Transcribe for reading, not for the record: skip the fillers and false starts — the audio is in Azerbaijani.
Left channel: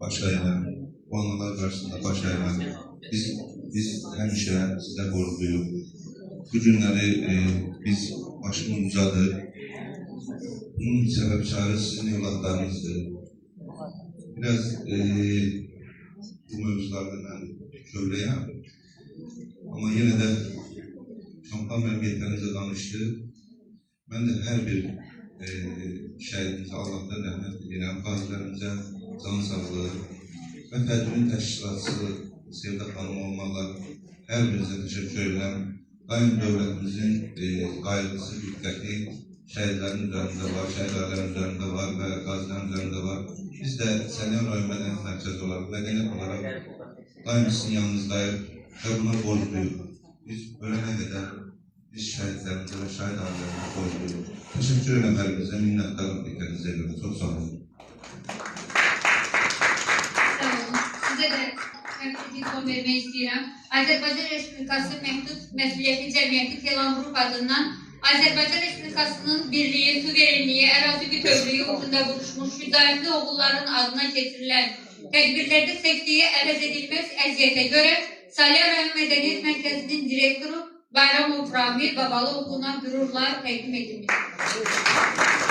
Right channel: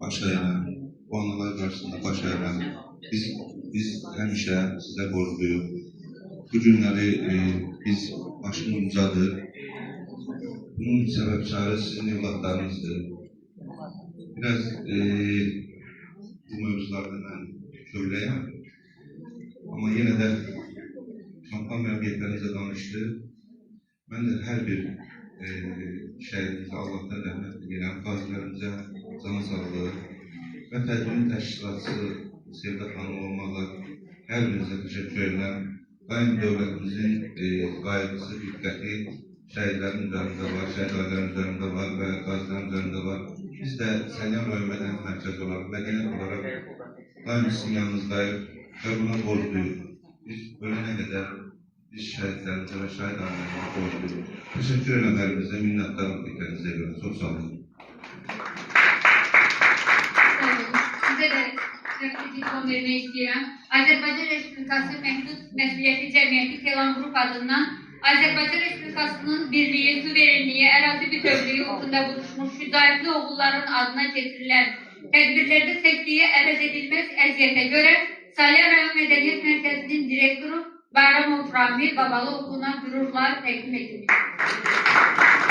baş əyilən, bu analar qarşısında baş əyilən, biz həmişə sizə borcluyuq. Bu günləri biz başımız ucadır. Bunun səbəbkarı sizin evlatlarınızdır. Biraz bu mövzularda mən köyləyəm. Amma yenə də kampaniya məmuriyyətlərinizə danışdı. Mən də hər bir şəhidimizə Allah'tan rəhmət edirəm, qazilərimizə can sağlığı və tədbirin təşkilatçısı Sevda xanım olmaqla hər birinizə təşəkkür edirəm. Daim dövlətimizin qayğısı, diqqəti şəhidlərin üzərində var, şəhid ailərin üzərində var və qazilərin üzərində var. Biz də Səlyan rayon mədəni mərkəzi olaraq, mədəniyyət olaraq daim sizin yanınızdayıq və buna borcluyuq. Biz ölənə qədər biz şəhidlərimizə və şəhid ailərimizə borcluyuq. Təşəkkür edirəm hər birinizə, minnətdarım diqqətinizə görə. Çox sağ olun. Sağ olun. Sizə də mikrofon vermək istəyirəm. Azərbaycan Respublikası Məhdud Məsuliyyətli Cəmiyyəti Telan Qrup adından Azərbaycan Respublikasının birliyi, suverenliyi, ərazi bütövlüyü uğrunda vuruşmuş şücaətli oğulların adına keçirilən tədbirlərdə çəkdiyi əvəz edilməz əziyyətə görə Səlyan rayon Mədəniyyət Mərkəzinin direktoru Bayramov Rami Babalı oğluna qürurlar təqdim edilmişdir.